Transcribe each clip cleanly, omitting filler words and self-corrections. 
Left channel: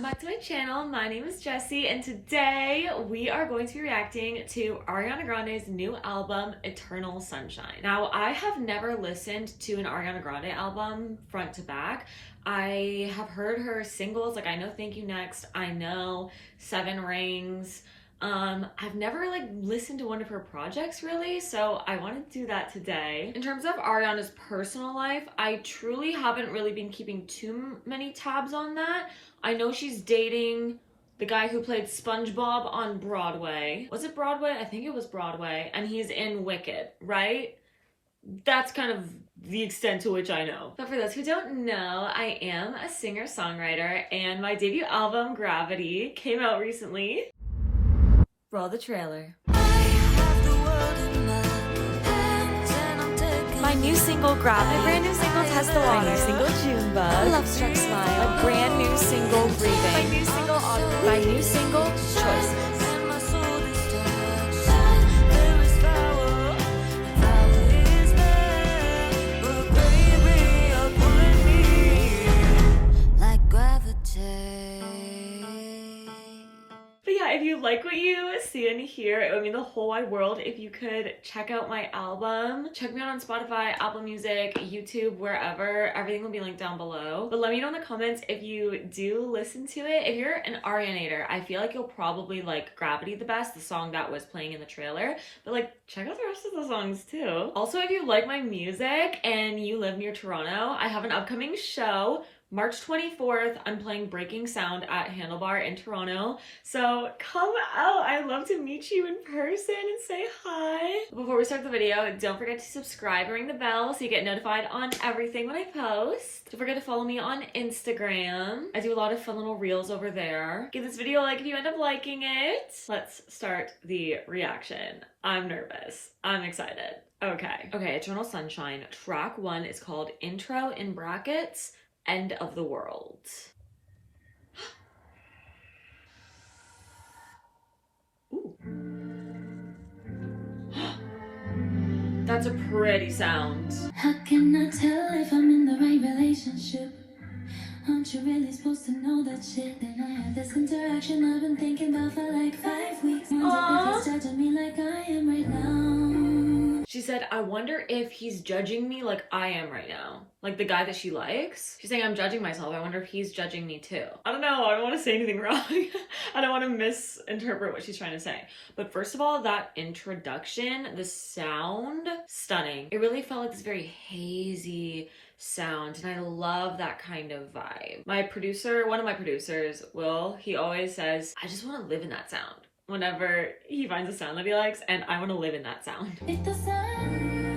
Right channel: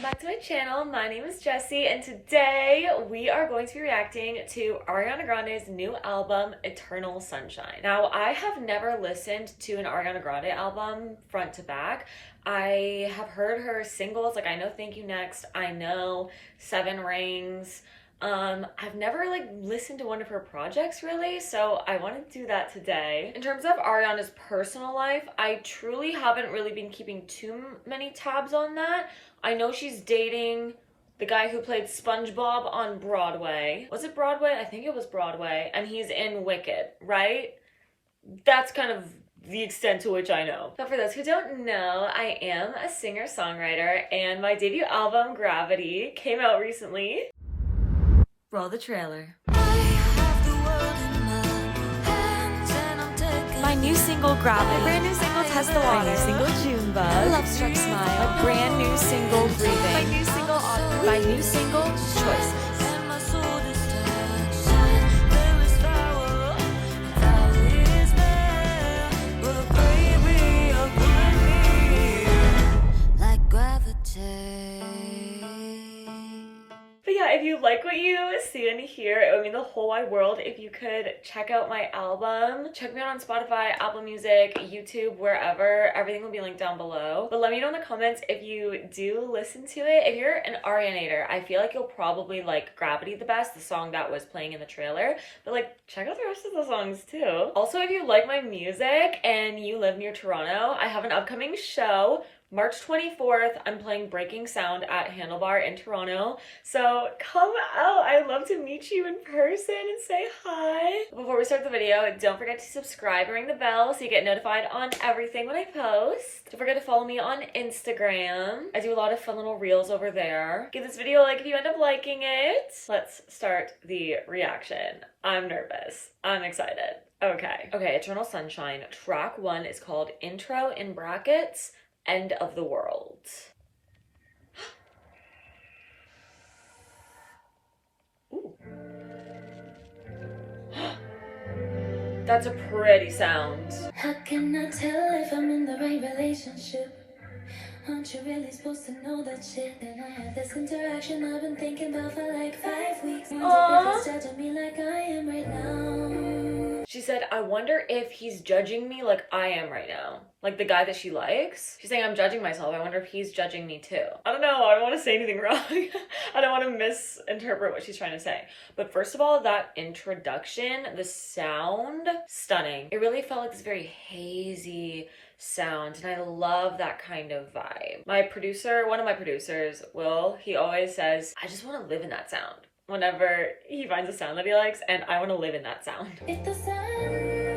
welcome back to my channel. My name is Jessie and today we are going to be reacting to Ariana Grande's new album, Eternal Sunshine. Now, I have never listened to an Ariana Grande album front to back. I have heard her singles, like I know Thank You Next, I know Seven Rings. I've never listened to one of her projects really, so I want to do that today. In terms of Ariana's personal life, I truly haven't really been keeping too many tabs on that. I know she's dating the guy who played SpongeBob on Broadway. Was it Broadway? I think it was Broadway. And he's in Wicked, right? That's kind of the extent to which I know. But for those who don't know, I am a singer-songwriter and my debut album, Gravity, came out recently. Roll the trailer. My new single, Gravity. My brand new single, Test the Water. My new single, Junebug. Love Struck Smile. My brand new single, Breathing. My new single, Autumn. My new single, Choices. But yeah, if you like what you see and hear, it would mean the whole wide world if you could check out my album. Check me out on Spotify, Apple Music, YouTube, wherever. Everything will be linked down below. But let me know in the comments if you do listen to it. If you're an Arianator, I feel like you'll probably like Gravity the best, the song that was playing in the trailer. But check out the rest of the songs too. Also, if you like my music and you live near Toronto, I have an upcoming show. March 24th, I'm playing Breaking Sound at Handlebar in Toronto. So come out. I'd love to meet you in person and say hi. Before we start the video, don't forget to subscribe and ring the bell so you get notified on everything when I post. Don't forget to follow me on Instagram. I do a lot of fun little reels over there. Give this video a like if you end up liking it. Let's start the reaction. I'm nervous. I'm excited. Okay, Eternal Sunshine. Track 1 is called Intro in brackets. End of the World. Ooh. That's a pretty sound. How can I tell if I'm in the right relationship? Aren't you really supposed to know that shit? Then I have this interaction I've been thinking about for like 5 weeks. Wonder if he's judging me like I am right now. She said, I wonder if he's judging me like I am right now. Like the guy that she likes. She's saying, I'm judging myself. I wonder if he's judging me too. I don't know. I don't want to say anything wrong. I don't want to misinterpret what she's trying to say. But first of all, that introduction, the sound, stunning. It really felt like this very hazy sound, and I love that kind of vibe. My producer, one of my producers, Will, he always says, I just want to live in that sound whenever he finds a sound that he likes, and I want to live in that sound. If the sun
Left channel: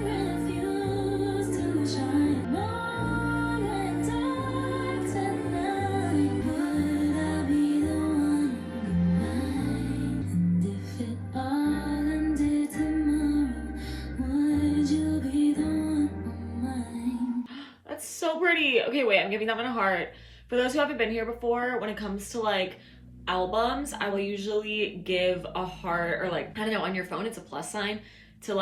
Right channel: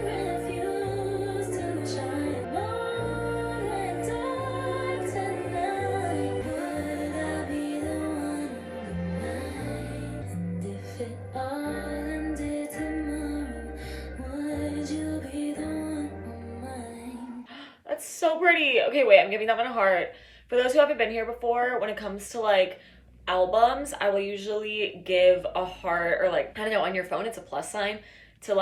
refused to shine more and dark tonight, would I be the one on the night? And if it all ended tomorrow, would you be the one on mine? That's so pretty. Okay, wait, I'm giving that one a heart. For those who haven't been here before, when it comes to albums, I will usually give a heart, or I don't know, on your phone it's a plus sign to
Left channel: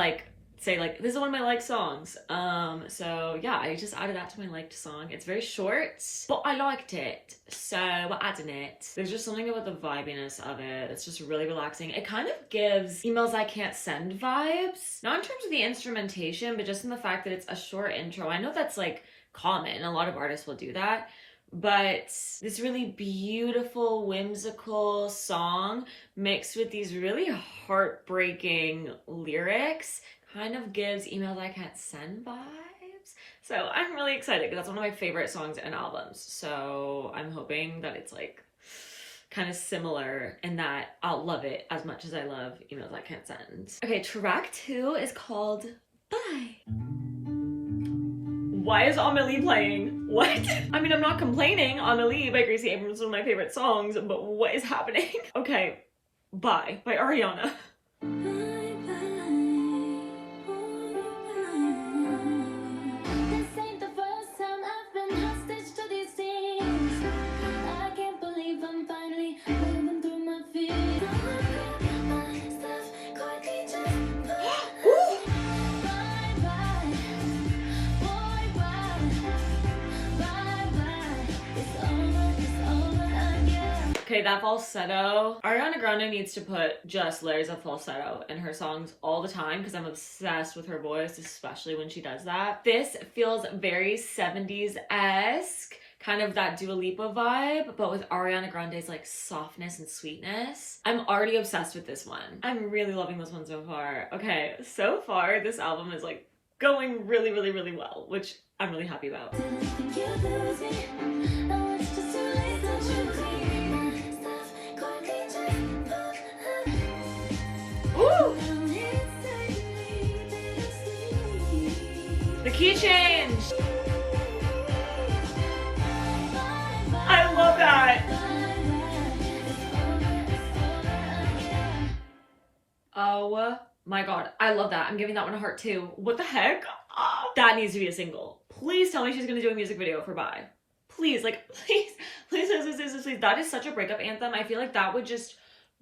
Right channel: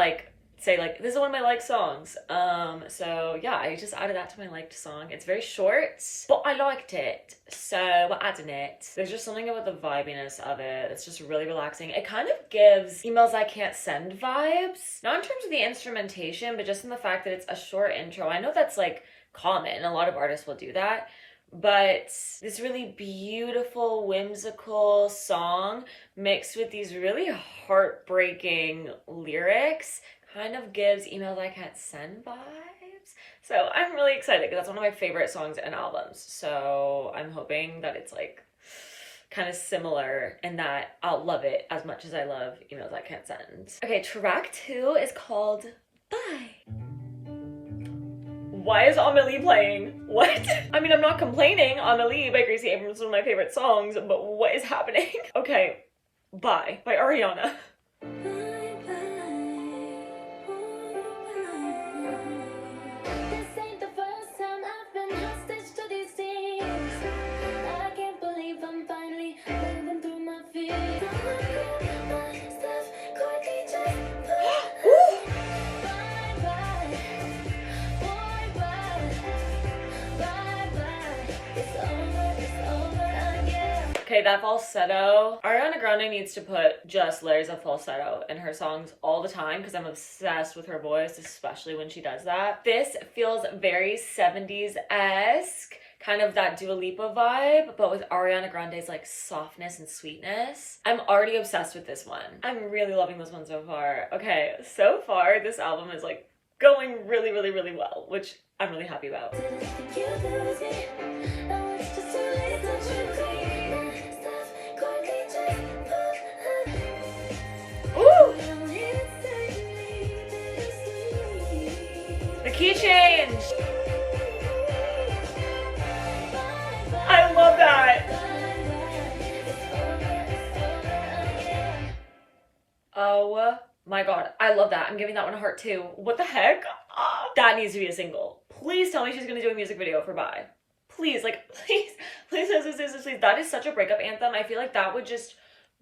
say this is one of my liked songs. So yeah, I just added that to my liked song. It's very short, but I liked it, so we're adding it. There's just something about the vibiness of it. It's just really relaxing. It kind of gives Emails I Can't Send vibes, not in terms of the instrumentation, but just in the fact that it's a short intro. I know that's common, a lot of artists will do that, but this really beautiful, whimsical song mixed with these really heartbreaking lyrics kind of gives Emails I Can't Send vibes. So I'm really excited because that's one of my favorite songs and albums. So I'm hoping that it's kind of similar and that I'll love it as much as I love Emails I Can't Send. Okay, track 2 is called Bye. Why is Amelie playing? What? I mean, I'm not complaining. Amelie by Gracie Abrams is one of my favorite songs, but what is happening? Okay, Bye by Ariana. Okay, that falsetto. Ariana Grande needs to put just layers of falsetto in her songs all the time because I'm obsessed with her voice, especially when she does that. This feels very 70s-esque, kind of that Dua Lipa vibe, but with Ariana Grande's like softness and sweetness. I'm already obsessed with this one. I'm really loving this one so far. Okay, so far this album is like going really, really, really well, which I'm really happy about. Ooh! The key change! I love that! Oh my god, I love that. I'm giving that one a heart too. What the heck? That needs to be a single. Please tell me she's gonna do a music video for Bye. Please, like, please, please, please. That is such a breakup anthem. I feel like that would just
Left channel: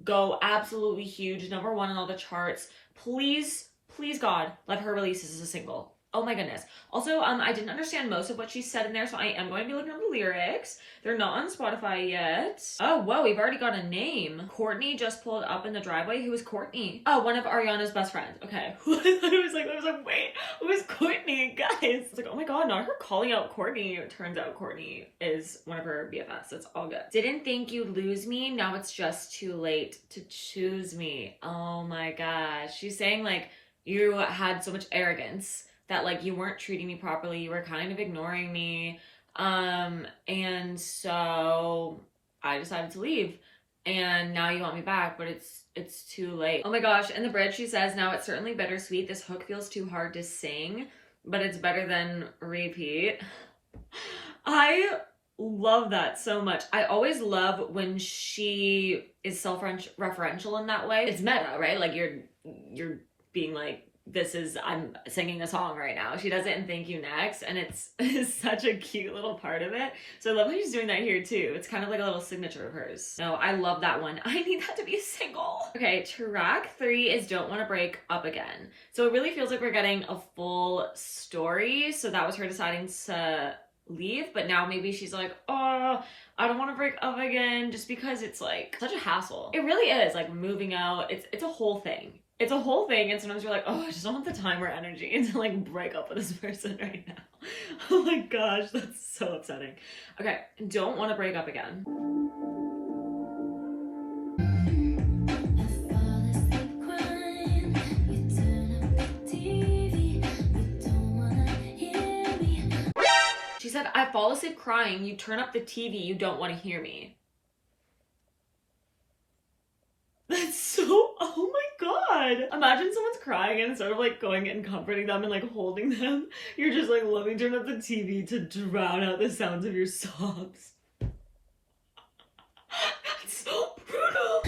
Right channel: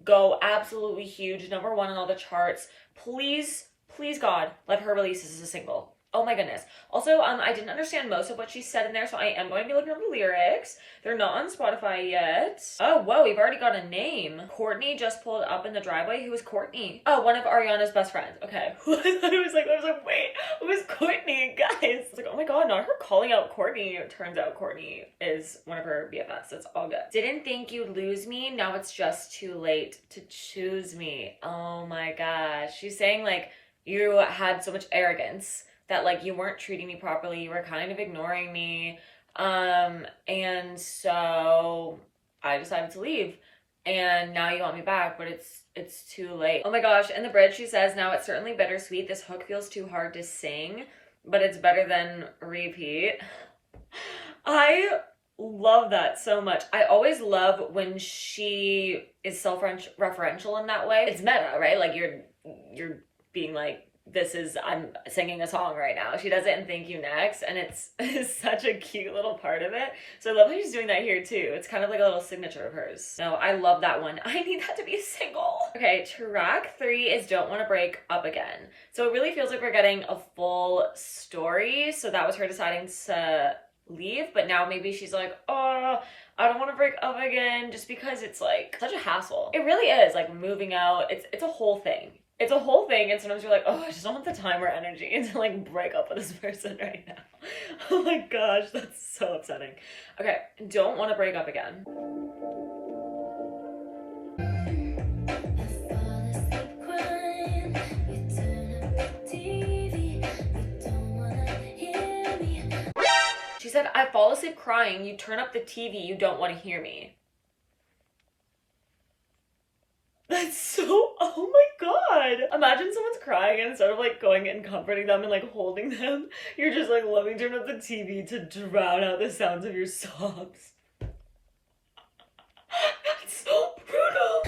go absolutely huge. #1 on all the charts. Please, please God, let her release this as a single. Oh my goodness. Also, I didn't understand most of what she said in there, so I am going to be looking up the lyrics. They're not on Spotify yet. Oh, whoa, we've already got a name. Courtney just pulled up in the driveway. Who is Courtney? Oh, one of Ariana's best friends. Okay. I was like, wait, who's Courtney? Guys. It's like, oh my god, not her calling out Courtney. It turns out Courtney is one of her BFFs. It's all good. Didn't think you'd lose me. Now it's just too late to choose me. Oh my gosh. She's saying like, you had so much arrogance that like you weren't treating me properly, you were kind of ignoring me, and so I decided to leave, and now you want me back, but it's too late. Oh my gosh, in the bridge she says, now it's certainly bittersweet, this hook feels too hard to sing, but it's better than repeat. I love that so much. I always love when she is self-referential in that way. It's meta, right? Like you're being like, I'm singing a song right now. She does it in Thank You Next, and it's such a cute little part of it. So I love that she's doing that here too. It's kind of like a little signature of hers. No, I love that one. I need that to be a single. Okay, track 3 is Don't Want to Break Up Again. So it really feels like we're getting a full story. So that was her deciding to leave, but now maybe she's like, oh, I don't want to break up again, just because it's like such a hassle. It really is, like moving out. It's a whole thing. It's a whole thing, and sometimes you're like, oh, I just don't have the time or energy to like break up with this person right now. Oh my gosh, that's so upsetting. Okay, Don't Want to Break Up Again. She said, I fall asleep crying, you turn up the TV, you don't want to hear me. That's so, oh my god. Imagine someone's crying and instead of like going and comforting them and like holding them, you're just like, let me turn up the TV to drown out the sounds of your sobs. That's so brutal.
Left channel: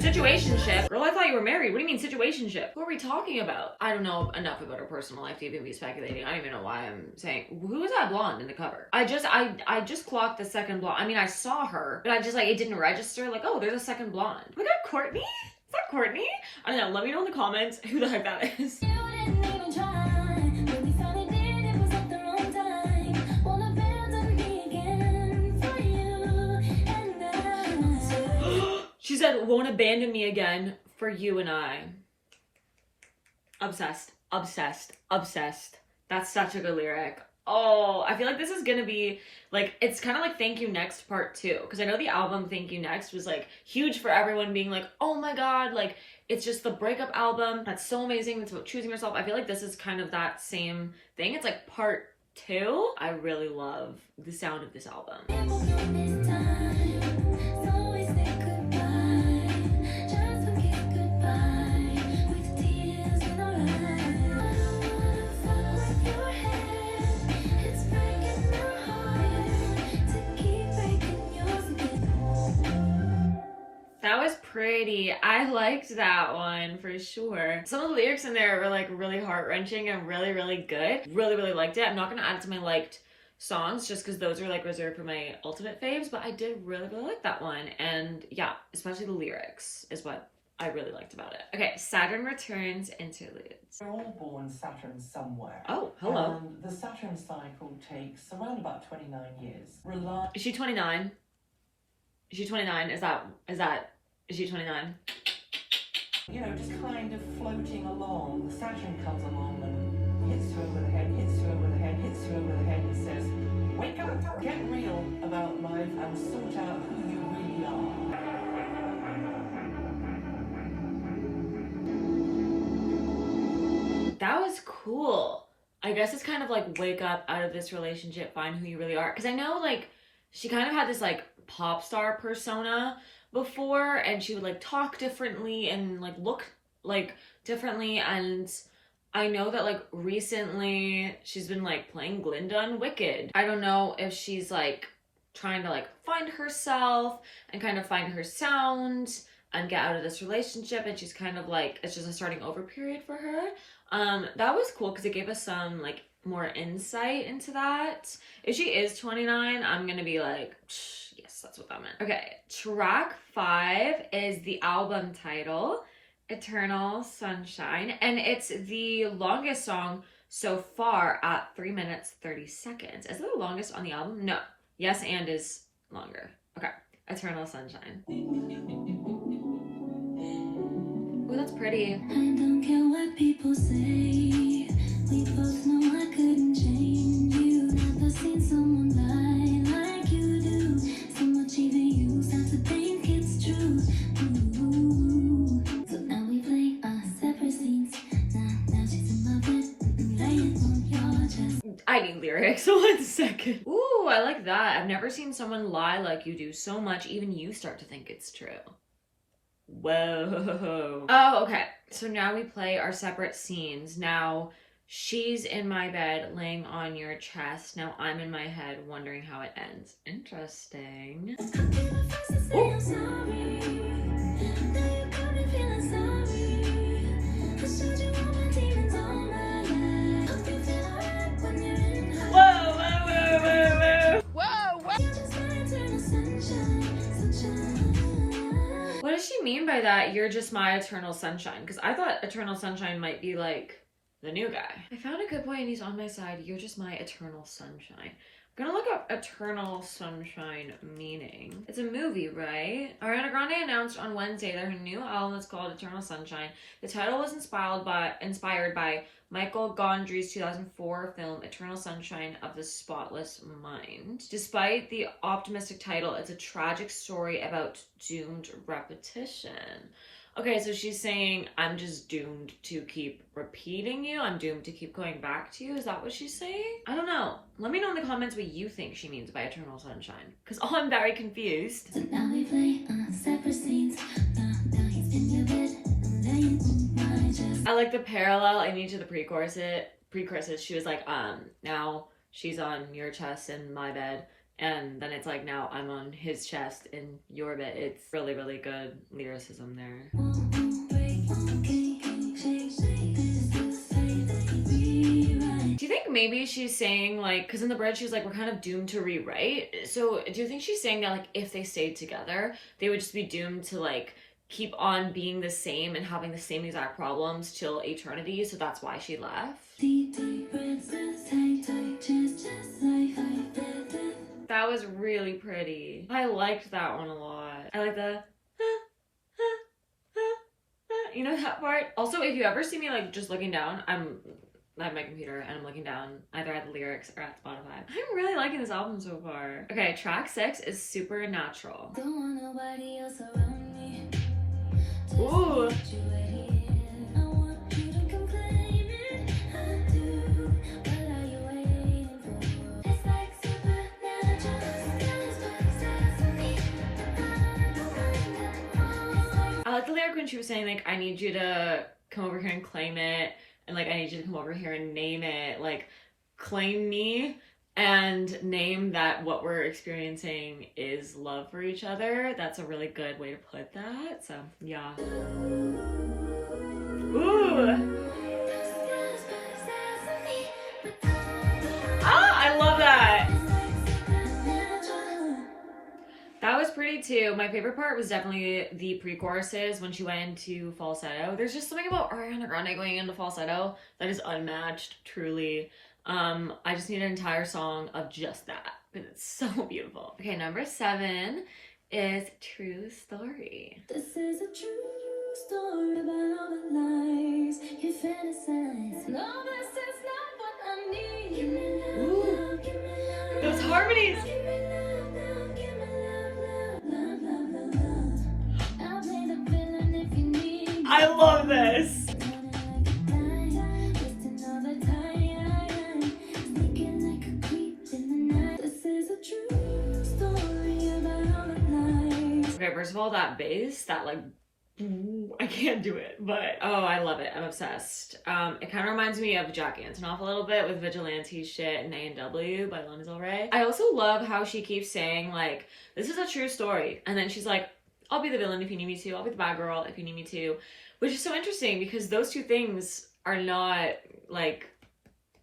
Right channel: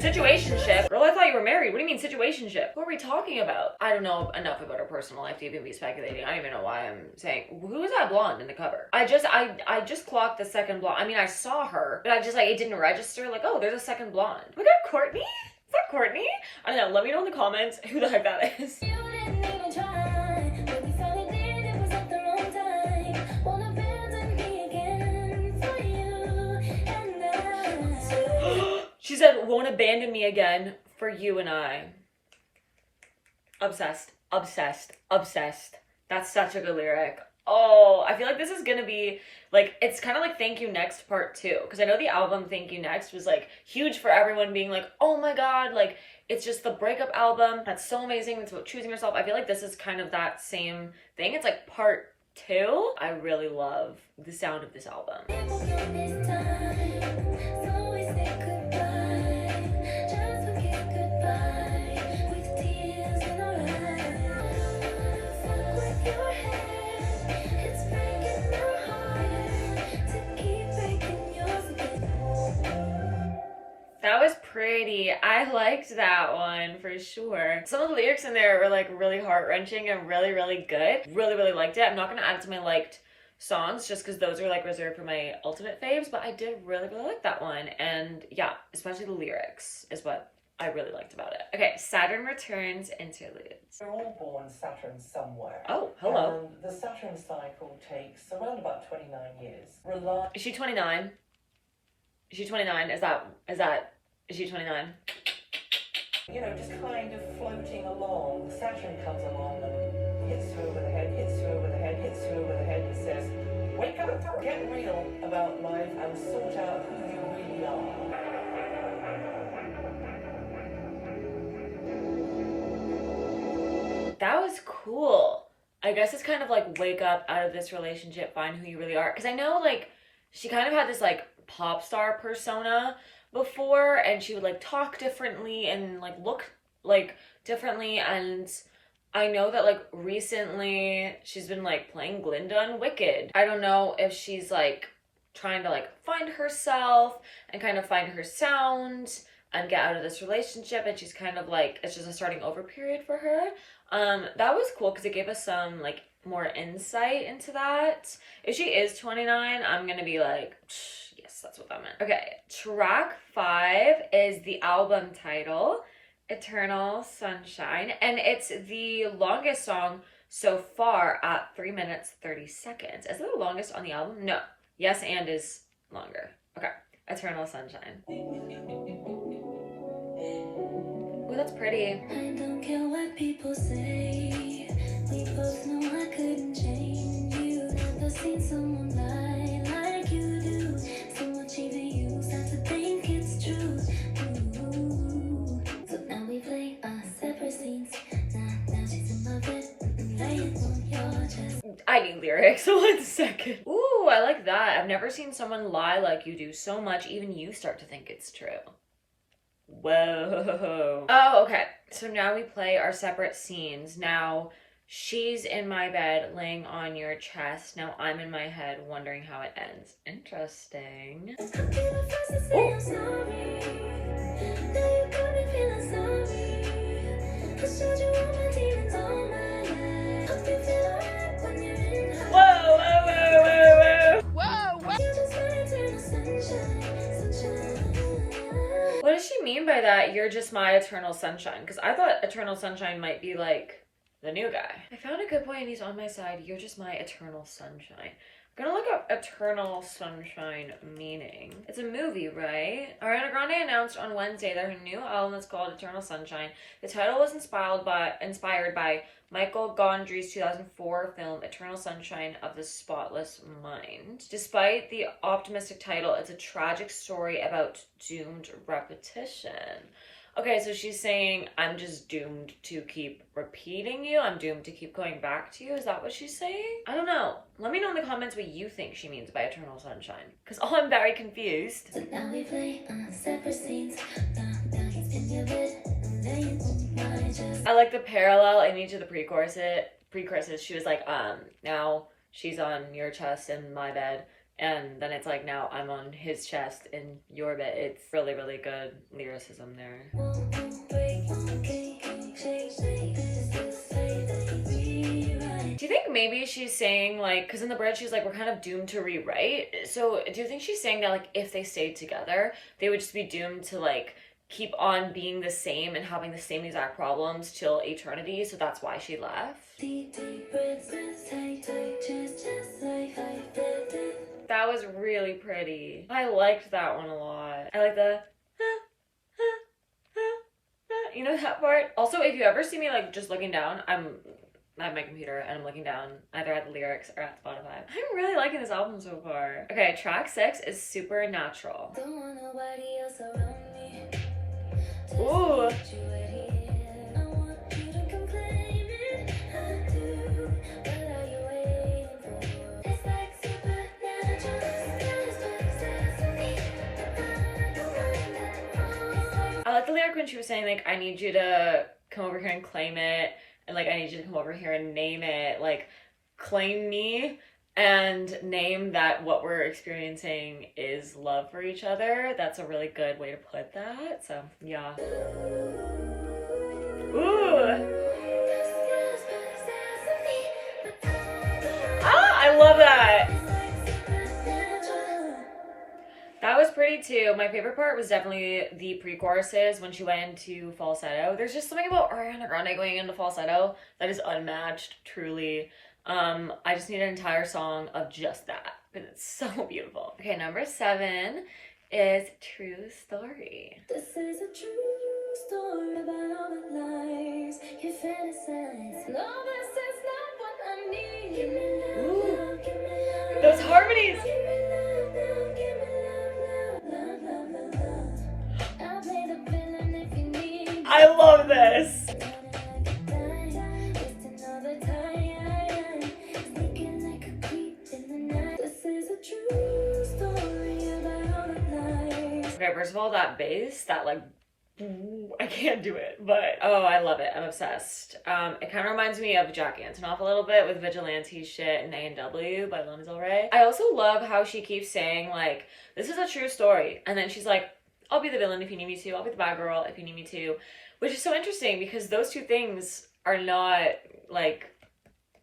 Situationship? Girl, I thought you were married. What do you mean situationship? What are we talking about? I don't know enough about her personal life to even be speculating. I don't even know why I'm saying. Who is that blonde in the cover? I just clocked the second blonde. I mean, I saw her, but I just like, it didn't register. Like, oh, there's a second blonde. Was that Courtney? Is that Courtney? I don't know. Let me know in the comments who the heck that is. She said, won't abandon me again for you and I. Obsessed, obsessed, obsessed. That's such a good lyric. Oh, I feel like this is gonna be like, it's kind of like Thank You Next Part 2. Because I know the album Thank You Next was like huge for everyone being like, oh my god, like it's just the breakup album. That's so amazing. It's about choosing yourself. I feel like this is kind of that same thing. It's like Part 2. I really love the sound of this album. That was pretty. I liked that one for sure. Some of the lyrics in there were like really heart-wrenching and really, really good. Really, really liked it. I'm not gonna add it to my liked songs just because those are like reserved for my ultimate faves, but I did really, really like that one. And yeah, especially the lyrics is what I really liked about it. Okay, Saturn Returns interludes. We're all born Saturn somewhere. Oh, hello. And the Saturn cycle takes around about 29 years. Is she 29? Is she 29? Is she 29? You know, just kind of floating along. Saturn comes along and hits you over the head, hits you over the head, hits you over the head and says, wake up, get real about life and sort out who you really are. That was cool. I guess it's kind of like wake up out of this relationship, find who you really are. Because I know like she kind of had this like pop star persona before, and she would like talk differently and like look like differently. And I know that like recently she's been like playing Glinda and Wicked. I don't know if she's like trying to like find herself and kind of find her sound and get out of this relationship, and she's kind of like, it's just a starting over period for her. That was cool because it gave us some like more insight into that. If she is 29, I'm gonna be like, yes, that's what that meant. Okay, track 5 is the album title, Eternal Sunshine, and it's the longest song so far at 3 minutes 30 seconds. Is it the longest on the album? No. Yes, and is longer. Okay, Eternal Sunshine. Ooh, that's pretty. I don't care what people say. We both know I couldn't change you. Never seen someone lie like you do. So much even you start to think it's true. Ooh. So now we play separate scenes. Now she's in my bed, laying on your chest. I need lyrics. 1 second. Ooh, I like that. I've never seen someone lie like you do so much, even you start to think it's true. Whoa. Oh, okay. So now we play our separate scenes. Now she's in my bed laying on your chest. Now I'm in my head wondering how it ends. Interesting. How can I first say I'm sorry? Now you got me feeling sorry. I showed you all my demons all night. Hope you feel alright when you're in high. Whoa, whoa, whoa, whoa, whoa. You're just my eternal sunshine, sunshine. What does she mean by that? You're just my eternal sunshine. Because I thought eternal sunshine might be like the new guy. I found a good boy and he's on my side. You're just my eternal sunshine. I'm gonna look up eternal sunshine meaning. It's a movie, right? Ariana Grande announced on Wednesday that her new album is called Eternal Sunshine. The title was inspired by Michael Gondry's 2004 film Eternal Sunshine of the Spotless Mind. Despite the optimistic title, it's a tragic story about doomed repetition. Okay, so she's saying, I'm just doomed to keep repeating you. I'm doomed to keep going back to you. Is that what she's saying? I don't know. Let me know in the comments what you think she means by Eternal Sunshine. Because I'm very confused. So now we play separate scenes. Now he's in your bed, laying on my chest. I like the parallel in each of the pre-choruses. She was like, now she's on your chest in my bed. And then it's like, now I'm on his chest in your bed. It's really, really good lyricism there. Do you think maybe she's saying like, because in the bridge she's like, we're kind of doomed to rewrite. So do you think she's saying that like if they stayed together, they would just be doomed to like keep on being the same and having the same exact problems till eternity? So that's why she left. That was really pretty. I liked that one a lot. I like the you know that part? Also, if you ever see me like just looking down, I'm at my computer and I'm looking down either at the lyrics or at Spotify. I'm really liking this album so far. Okay, track 6 is Supernatural. Don't want nobody else around me. Ooh. I want you to come claim it. I do. What are you waiting for? It's like supernatural. I like the lyric when she was saying like, I need you to come over here and claim it, and like I need you to come over here and name it. Like, claim me and name that what we're experiencing is love for each other. That's a really good way to put that. So yeah. Ooh. Ah, I love that. That was pretty. agree too. My favorite part was definitely the pre-choruses when she went into falsetto. There's just something about Ariana Grande going into falsetto that is unmatched, truly. I just need an entire song of just that because it's so beautiful. Okay, number 7 is True Story. This is a true story about all the lies you fantasize. No, this is not what I need. Give me love, Ooh. give me love. Those harmonies. Give me love, love, give me love, love, love, love, love. I'll play the villain if you need me. I love this. Wasting all the time, sneaking like a creep in the night. This is a true story about all the lies. Okay, first of all, that bass, that like, I can't do it, but oh, I love it. I'm obsessed. It kind of reminds me of Jack Antonoff a little bit with Vigilante Shit and A&W by Lana Del Rey. I also love how she keeps saying like, this is a true story. And then she's like, I'll be the villain if you need me to. I'll be the bad girl if you need me to. Which is so interesting because those two things are not like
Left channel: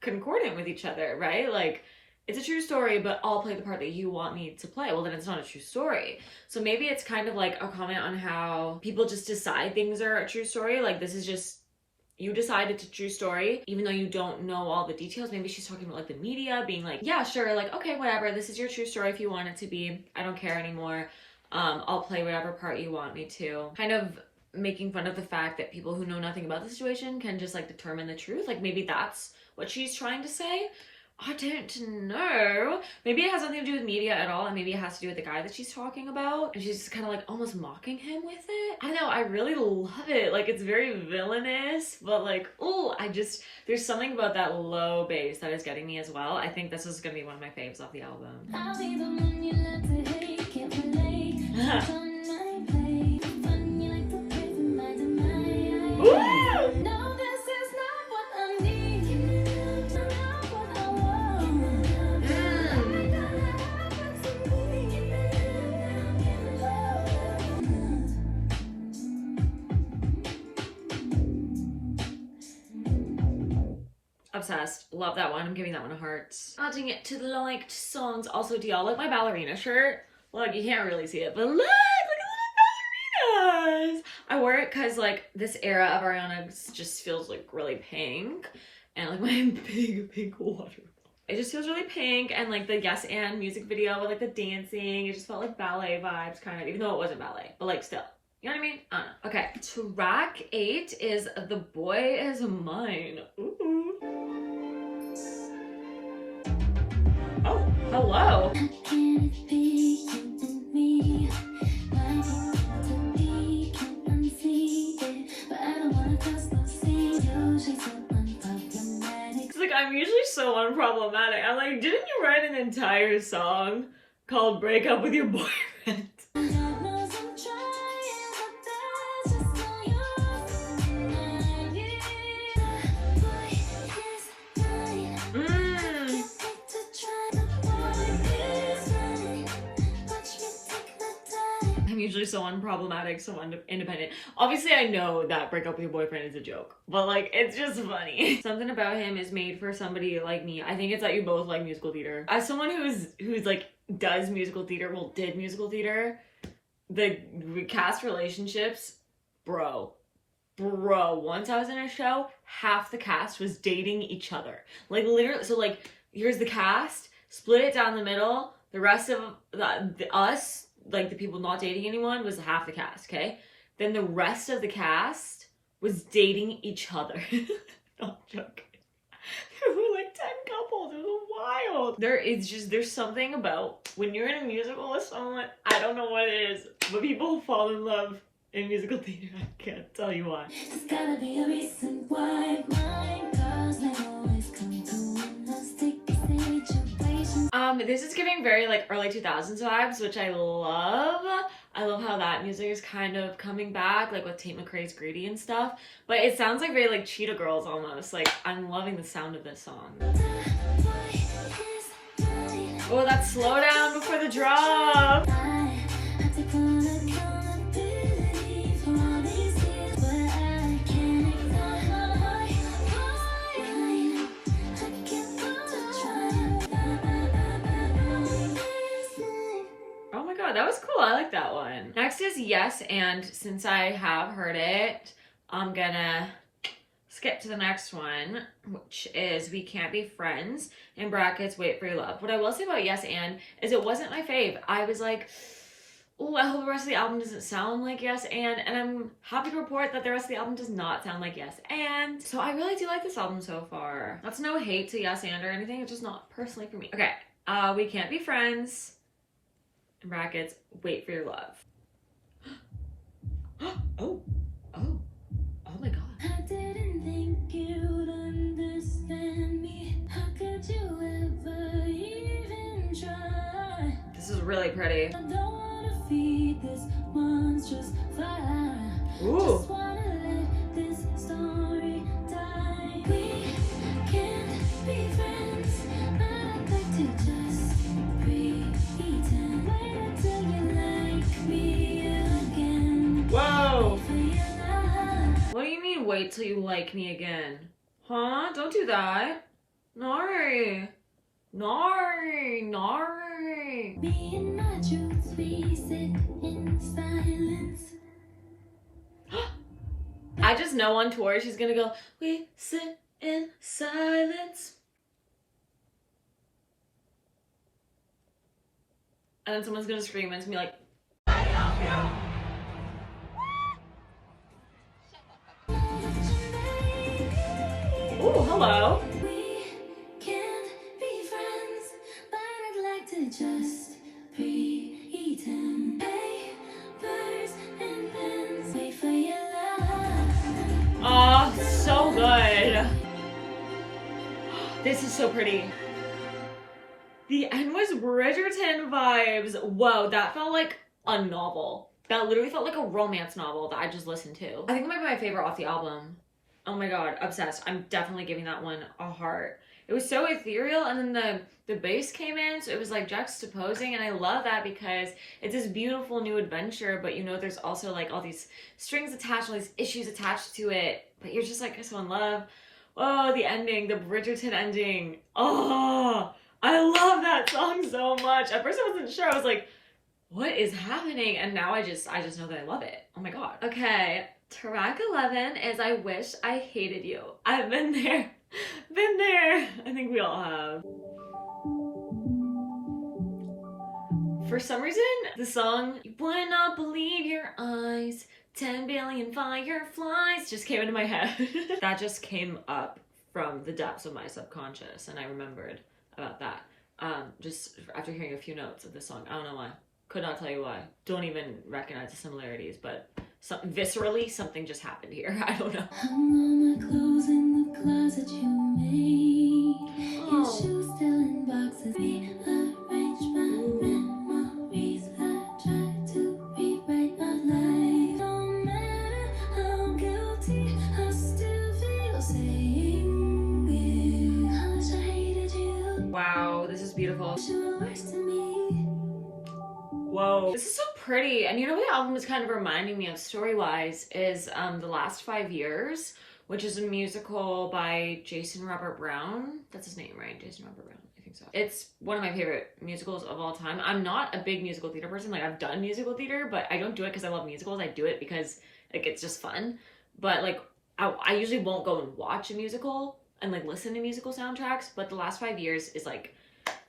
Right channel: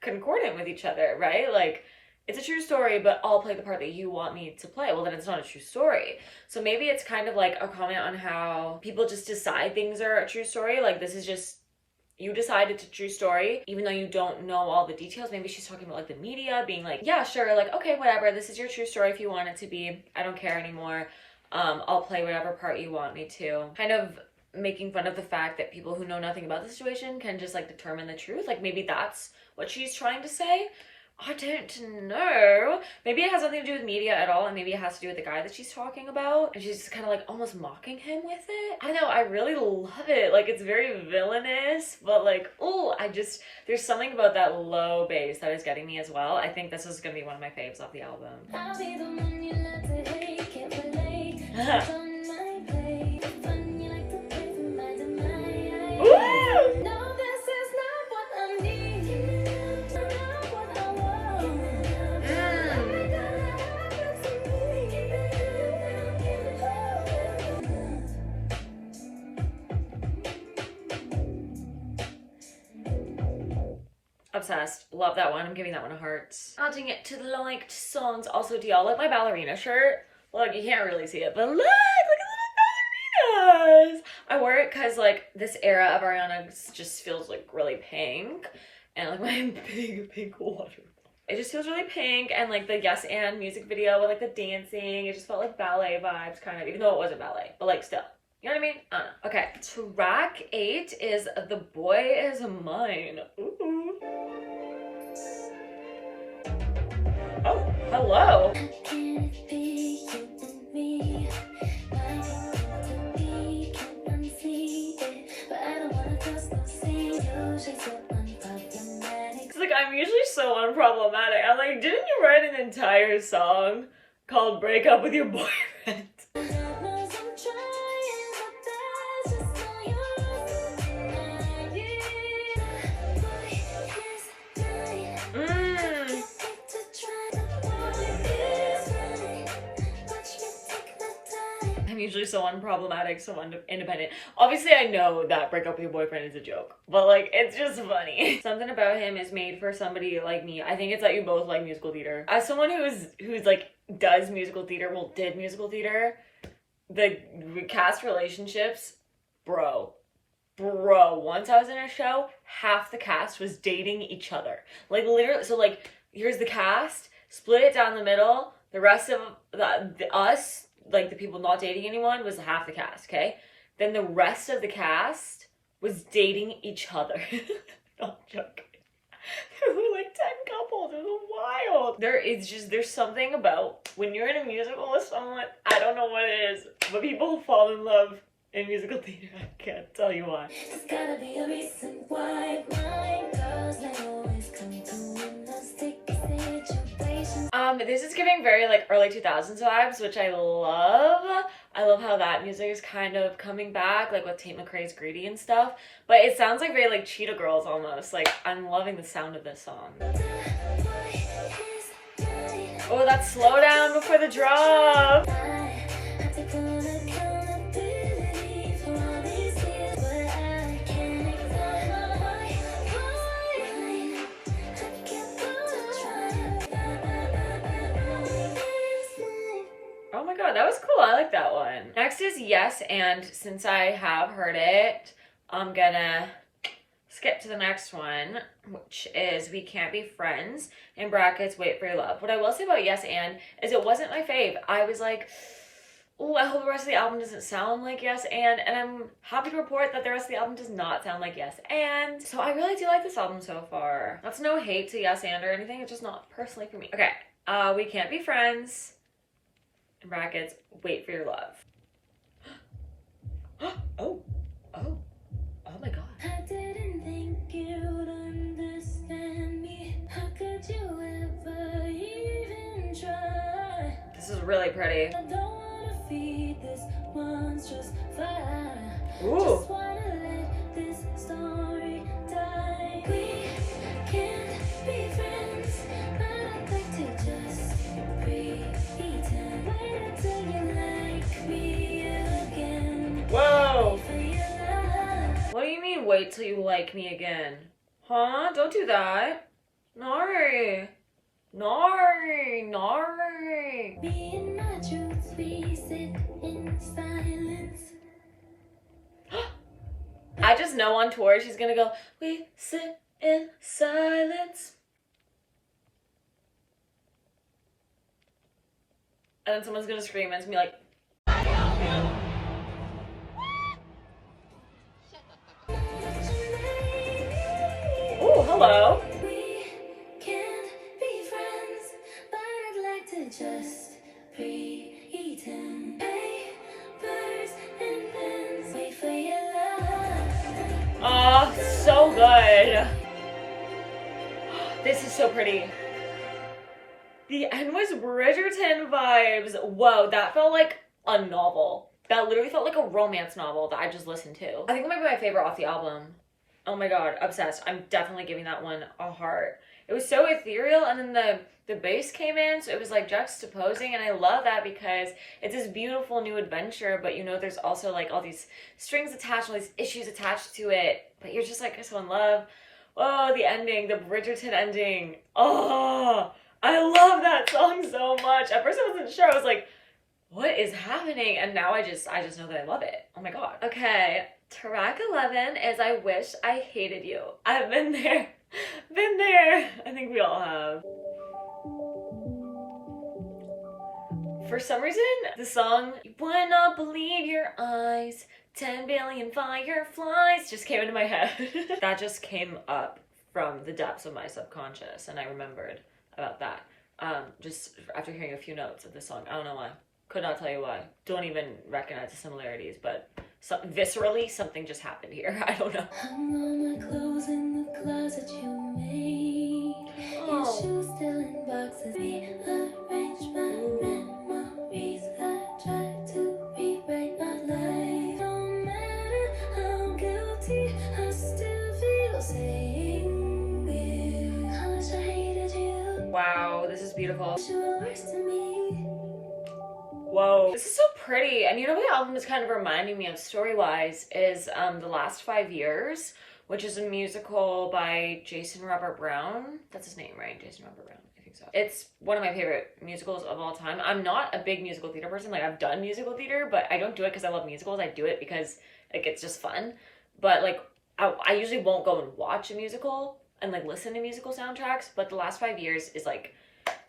concordant with each other, right? Like, it's a true story, but I'll play the part that you want me to play. Well, then it's not a true story. So maybe it's kind of like a comment on how people just decide things are a true story. Like, this is just, you decide it's a true story, even though you don't know all the details. Maybe she's talking about like the media being like, yeah, sure, like, okay, whatever. This is your true story if you want it to be. I don't care anymore. I'll play whatever part you want me to. Kind of making fun of the fact that people who know nothing about the situation can just like determine the truth. Like, maybe that's what she's trying to say. I don't know. Maybe it has nothing to do with media at all, and maybe it has to do with the guy that she's talking about, and she's just kind of like almost mocking him with it. I don't know, I really love it. Like, it's very villainous, but like, oh, there's something about that low bass that is getting me as well. I think this is gonna be one of my faves off the album. I'll be the one you love to hate, can't relate. Come my way, the fun you like to play from my demise. Woo! No, this is not what I need. Give me love, not what I want. Give me love, every time I have to be. Give me love. Obsessed. Love that one. I'm giving that one a heart. Adding it to the liked songs. Also, do y'all like my ballerina shirt? Look, you can't really see it, but look at the little ballerinas. I wore it because like this era of Ariana just feels like really pink, and like my big pink water. It just feels really pink, and like the Yes and music video with like the dancing, it just felt like ballet vibes kind of, even though it wasn't ballet, but like still. You know what I mean? I don't know. Okay, track 8 is The Boy Is Mine. Ooh. Oh, hello. How can it be you and me? Why to be can't unsee it, but I don't wanna cross those seas. You're so unproblematic. It's like, I'm usually so unproblematic. I'm like, didn't you write an entire song called Break Up With Your Boyfriend? God knows I'm trying my best, just so you're mine. Yeah, boy is mine. Can't wait to try the boy is mine. Watch me take my time. I'm usually so unproblematic, so independent. Obviously, I know that break up with your boyfriend is a joke, but like, it's just funny. Something about him is made for somebody like me. I think it's that you both like musical theater. As someone who's like does musical theater, well, did musical theater, the cast relationships, bro, once I was in a show, half the cast was dating each other. Like, literally, so like, here's the cast, split it down the middle, the rest of us, like the people not dating anyone, was half the cast, okay? Then the rest of the cast was dating each other. Not joking. There were like 10 couples. It was wild. There's something about when you're in a musical with someone, I don't know what it is, but people fall in love in musical theater. I can't tell you why. There's gotta be a reason why my girls they always come through in those sticky situations. This is giving very like early 2000s vibes, which I love. I love how that music is kind of coming back, like with Tate McRae's Greedy and stuff. But it sounds like very like Cheetah Girls almost. Like, I'm loving the sound of this song. Oh, that slow down before the drop. Oh my god, god, that was cool. I like that one. Next is Yes and. Since I have heard it, I'm gonna skip to the next one, which is We Can't Be Friends, in brackets, Wait for Your Love. What I will say about Yes and is it wasn't my fave. I was like, oh, I hope the rest of the album doesn't sound like Yes and I'm happy to report that the rest of the album does not sound like Yes and. So I really do like this album so far. That's no hate to Yes and or anything, it's just not personally for me. Okay, We Can't Be Friends, in brackets, Wait for Your Love. Oh my god. I didn't think you'd understand me. How could you ever even try? This is really pretty. I don't wanna feed this monstrous fire. Ooh. Just wanna let this story die. We can't be friends, but I'd like to just pretend. Wait until you like me again. Whoa. For your love. What do you mean, wait till you like me again? Huh? Don't do that. Nari. Nari. Nari. Being my truth, we sit in silence. I just know on tour she's gonna go, we sit in silence. And then someone's gonna scream and it's gonna be like, ooh, hello. We can't be friends, but I'd like to just pretend. Papers and pens, wait for your love. Aw, so good. This is so pretty. The end was Bridgerton vibes. Whoa, that felt like a novel. That literally felt like a romance novel that I just listened to. I think it might be my favorite off the album. Oh my god, obsessed. I'm definitely giving that one a heart. It was so ethereal, and then the bass came in, so it was like juxtaposing, and I love that because it's this beautiful new adventure, but you know there's also like all these strings attached, all these issues attached to it, but you're just like so in love. Oh, the ending, the Bridgerton ending. Oh, I love that song so much. At first I wasn't sure. I was like, what is happening? And now I just know that I love it. Oh my god. Okay, track 11 is I Wish I Hated You. I've been there. Been there. I think we all have. For some reason, the song You Would Not Believe Your Eyes, 10 billion fireflies just came into my head. That just came up from the depths of my subconscious, and I remembered about that. Just after hearing a few notes of the song. I don't know why. Could not tell you why. Don't even recognize the similarities, but viscerally, something just happened here. I don't know. Hung all my clothes in the closet you made. Your shoes still in boxes. Rearrange my memories. I try to rewrite my life. No matter how guilty, I still feel saying it. I wish I hated you. Wow, this is beautiful. You were worse to me. Whoa. This is so pretty. And you know what the album is kind of reminding me of story-wise is The Last 5 Years, which is a musical by Jason Robert Brown. That's his name, right? Jason Robert Brown. I think so. It's one of my favorite musicals of all time. I'm not a big musical theater person. Like, I've done musical theater, but I don't do it because I love musicals. I do it because, like, it's just fun. But, like, I usually won't go and watch a musical and, like, listen to musical soundtracks. But The Last 5 Years is, like,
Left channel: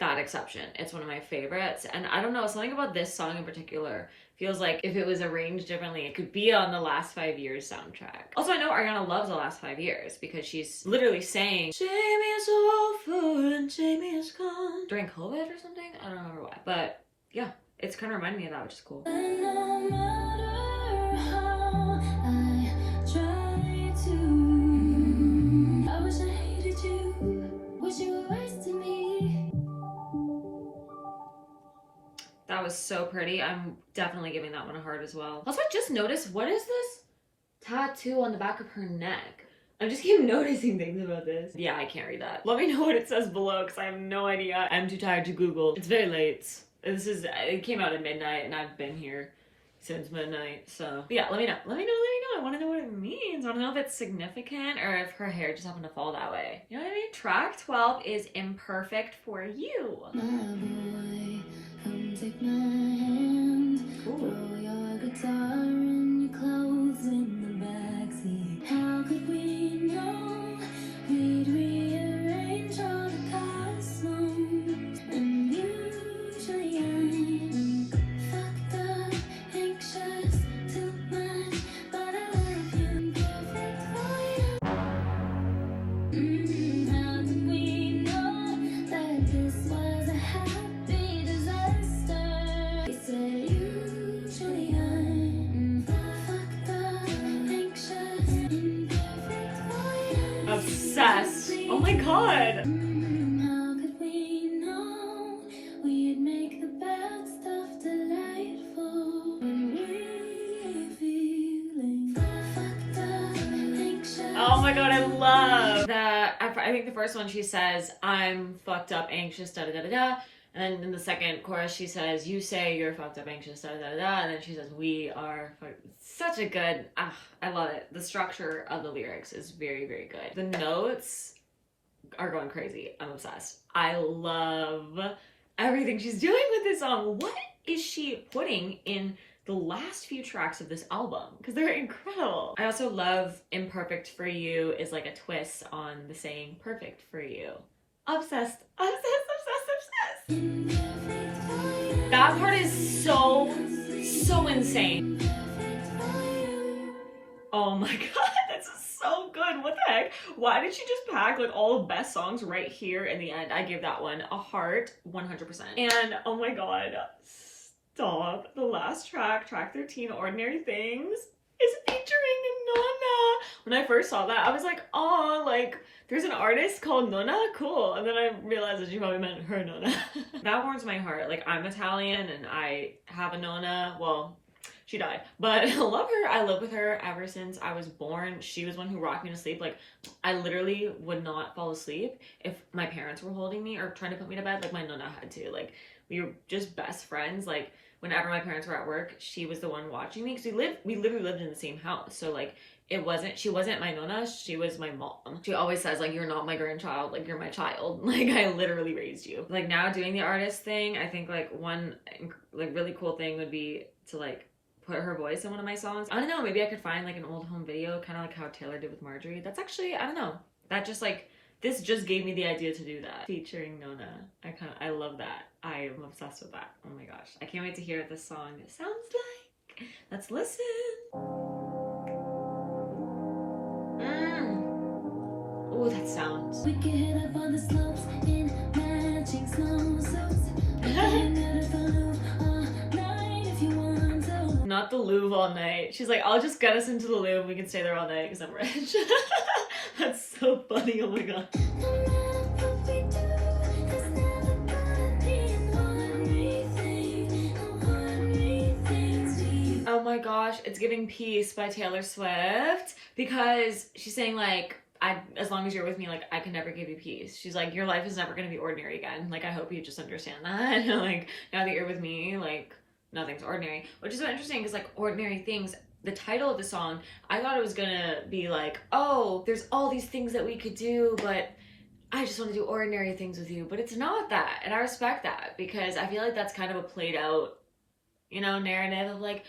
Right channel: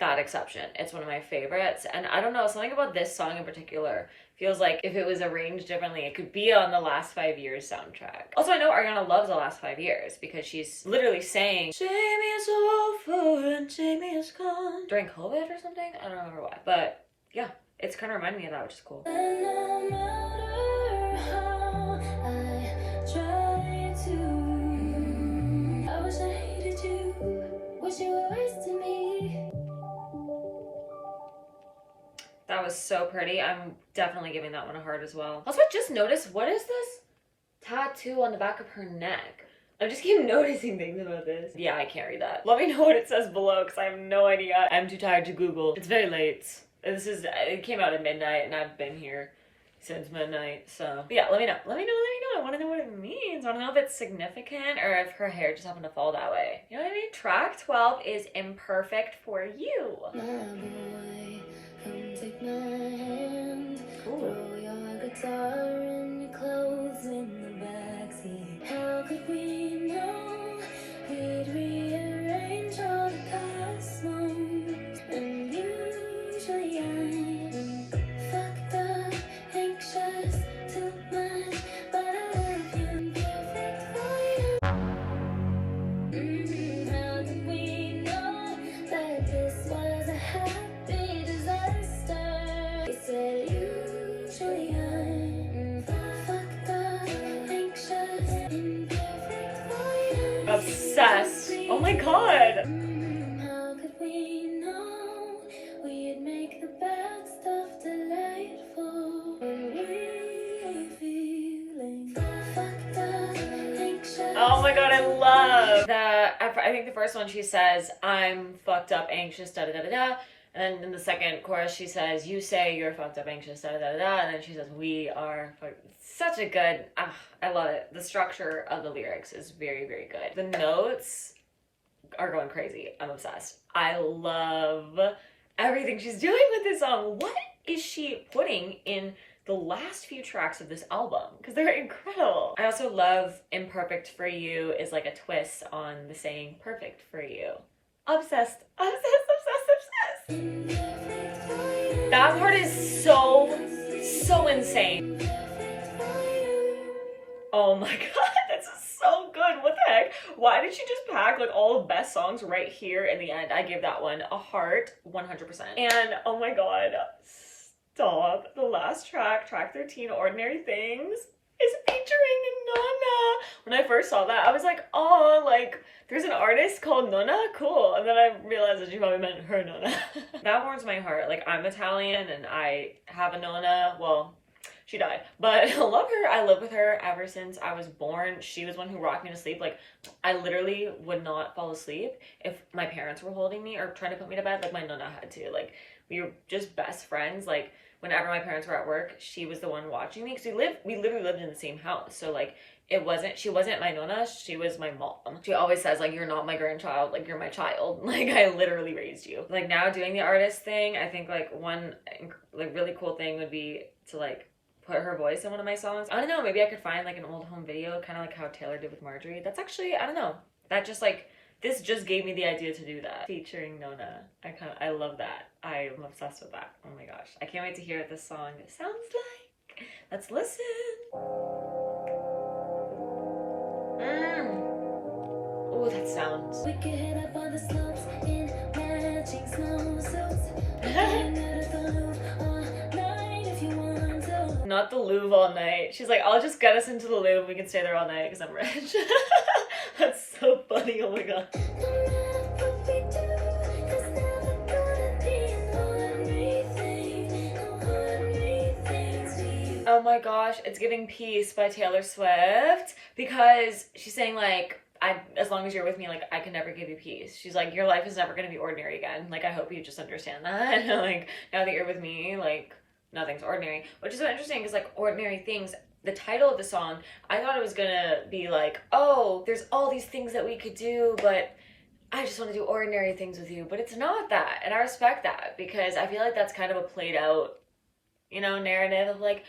that exception. It's one of my favorites, and I don't know, something about this song in particular feels like if it was arranged differently it could be on the Last 5 Years soundtrack. Also, I know Ariana loves The Last 5 Years because she's literally saying Jamie is over and Jamie is gone during COVID or something. I don't remember why, but yeah, it's kind of reminding me of that, which is cool. And no matter how I try to, I wish I hated you. Wish you were worse to me. That was so pretty. I'm definitely giving that one a heart as well. Also, I just noticed, what is this tattoo on the back of her neck? I just keep noticing things about this. Yeah, I can't read that. Let me know what it says below because I have no idea. I'm too tired to Google. It's very late. It came out at midnight and I've been here since midnight. So yeah, let me know. Let me know. I want to know what it means. I don't know if it's significant or if her hair just happened to fall that way. You know what I mean? Track 12 is Imperfect for You. My boy, come take my hand. Throw your guitar and your clothes in the backseat. How could we know we'd rearrange all the past moves? And usually I'm fucked up, anxious, too much, but I love you, perfect for you. How did we know that this was a happy disaster? He said usually I'm fucked up, anxious, imperfect for you. Obsessed. Oh my god. How could we know we'd make the bad stuff delightful when we're feeling fucked up, anxious? Oh my god, I love that. I think the first one she says, I'm fucked up, anxious, da da da da da. And then in the second chorus she says, you say you're fucked up, anxious, da da da da. And then she says, we are such a good, I love it. The structure of the lyrics is very, very good. The notes are going crazy. I'm obsessed. I love everything she's doing with this song. What is she putting in the last few tracks of this album? Because they're incredible. I also love Imperfect for You is like a twist on the saying perfect for you. Obsessed, obsessed, obsessed, obsessed. That part is so insane. Oh my god, this is so good. What the heck? Why did she just pack like all the best songs right here in the end? I give that one a heart 100%. And oh my god, stop. The last track, track 13, Ordinary Things, is featuring Nona. When I first saw that, I was like, oh, like there's an artist called Nona? Cool. And then I realized that she probably meant her Nona. That warms my heart. Like, I'm Italian and I have a Nona. Well, she died, but I love her. I live with her ever since I was born. She was one who rocked me to sleep. Like, I literally would not fall asleep if my parents were holding me or trying to put me to bed. Like, my Nona had to. Like, we were just best friends. Like, whenever my parents were at work, she was the one watching me, because we literally lived in the same house. So like, she wasn't my Nona, she was my mom. She always says like, you're not my grandchild, like you're my child. Like, I literally raised you. Like, now doing the artist thing, I think like one like really cool thing would be to like put her voice in one of my songs. I don't know, maybe I could find like an old home video, kind of like how Taylor did with Marjorie. That's actually, I don't know, that just like, this just gave me the idea to do that. Featuring Nona. I love that. I'm obsessed with that. Oh my gosh. I can't wait to hear what this song sounds like. Let's listen. Oh, that sounds. We could hit up on the slopes in matching snowsuits. Not the Louvre all night. She's like, I'll just get us into the Louvre. We can stay there all night because I'm rich. That's so funny. Oh my god. Oh my gosh, it's giving Peace by Taylor Swift, because she's saying like, as long as you're with me, like, I can never give you peace. She's like, your life is never gonna be ordinary again. Like, I hope you just understand that. Like, now that you're with me, like, nothing's ordinary. Which is so interesting, because like, Ordinary Things, the title of the song, I thought it was gonna be like, oh, there's all these things that we could do, but I just want to do ordinary things with you. But it's not that, and I respect that, because I feel like that's kind of a played out, you know, narrative of like,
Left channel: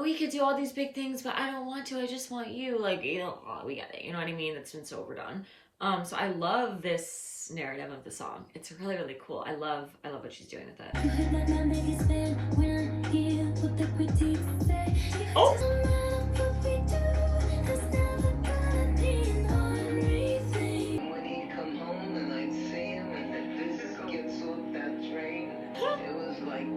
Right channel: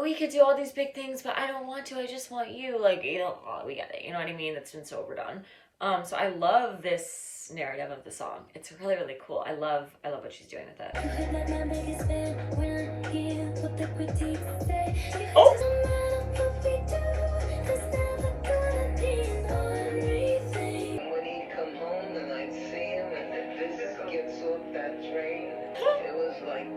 we could do all these big things, but I don't want to, I just want you. Like, you know, we get it, you know what I mean? That's been so overdone. So I love this narrative of the song. It's really, really cool. I love what she's doing with it. Oh! When he'd come home and I'd see him and then just gets off that train, it was like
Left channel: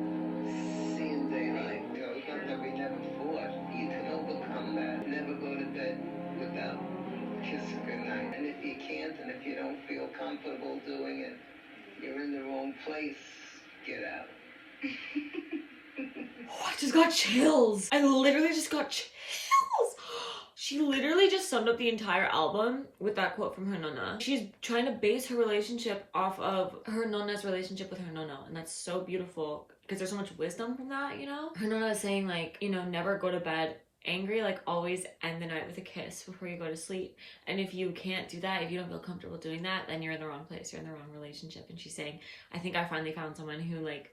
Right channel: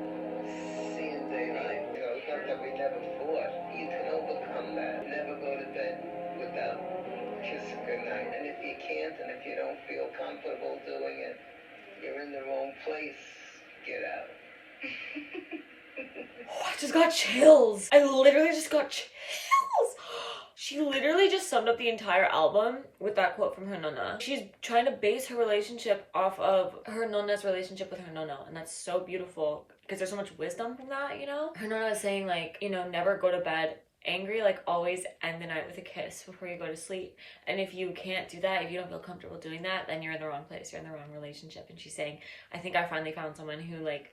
seeing daylight. You know, it's not that we never fought. You can overcome that. Never go to bed without kissing goodnight. And if you can't, and if you don't feel comfortable doing it, you're in the wrong place. Get out. Oh, I just got chills. I literally just got chills. She literally just summed up the entire album with that quote from her Nona. She's trying to base her relationship off of her Nona's relationship with her Nona, and that's so beautiful because there's so much wisdom from that, you know? Her Nona is saying like, you know, never go to bed angry, like always end the night with a kiss before you go to sleep. And if you can't do that, if you don't feel comfortable doing that, then you're in the wrong place, you're in the wrong relationship. And she's saying, I think I finally found someone who like,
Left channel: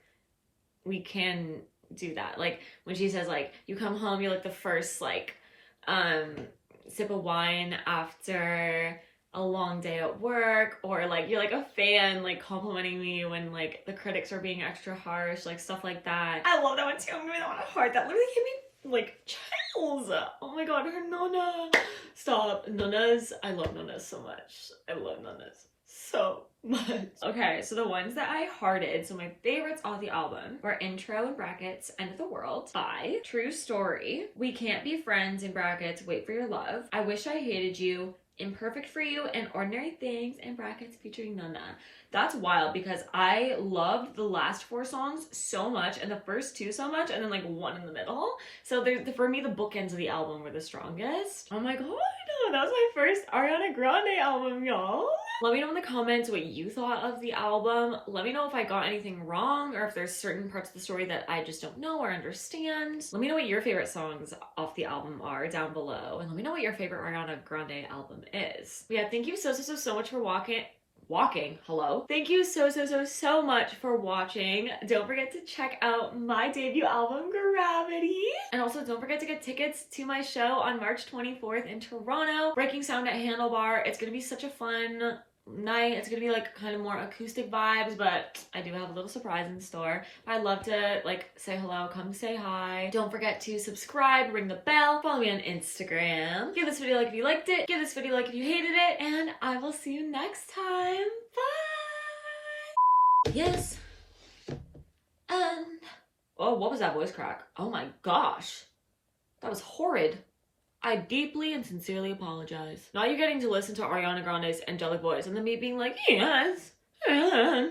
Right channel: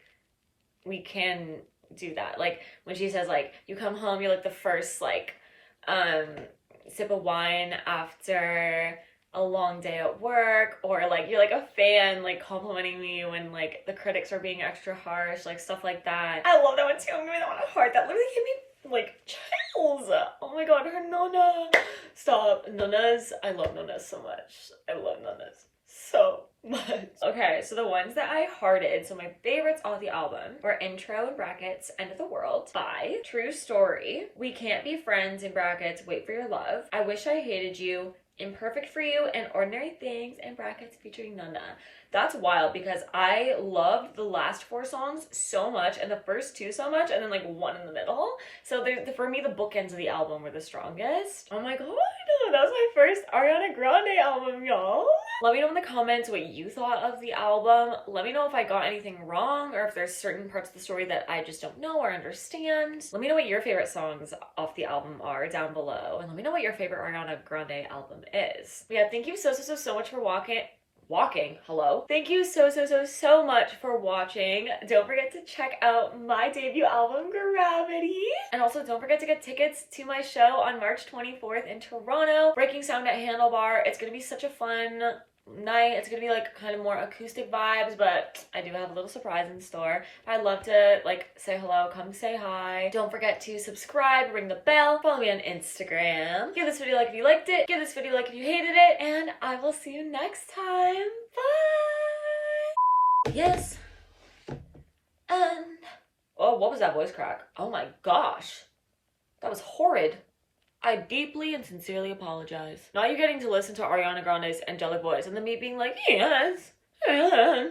we can do that. Like when she says like, you come home, you're like the first like sip of wine after a long day at work, or like you're like a fan like complimenting me when like the critics are being extra harsh, like stuff like that. I love that one too. I'm giving that one a heart. That literally gave me like chills. Oh my god, her Nona. Stop. Nonas. I love Nonas so much. I love Nonas so much. Okay, so the ones that I hearted, so my favorites off the album were Intro in brackets, End of the World by True Story, We Can't Be Friends in brackets, Wait for Your Love, I Wish I Hated You, Imperfect for You, and Ordinary Things in brackets featuring Nana. That's wild because I loved the last 4 songs so much and the first 2 so much, and then like 1 in the middle. So for me, the bookends of the album were the strongest. Oh my god, that was my first Ariana Grande album, y'all. Let me know in the comments what you thought of the album. Let me know if I got anything wrong or if there's certain parts of the story that I just don't know or understand. Let me know what your favorite songs off the album are down below. And let me know what your favorite Ariana Grande album is. Yeah, thank you so much for hello. Thank you so much for watching. Don't forget to check out my debut album, Gravity. And also don't forget to get tickets to my show on March 24th in Toronto, Breaking Sound at Handlebar. It's gonna be such a fun night. It's gonna be like kind of more acoustic vibes, but I do have a little surprise in store. I'd love to like say hello, come say hi. Don't forget to subscribe, ring the bell, follow me on Instagram. Give this video a like if you liked it, give this video a like if you hated it, and I will see you next time. Bye. Yes. And oh, what was that voice crack? Oh my gosh, that was horrid. I deeply and sincerely apologize. Now you're getting to listen to Ariana Grande's angelic voice and then me being like, yes.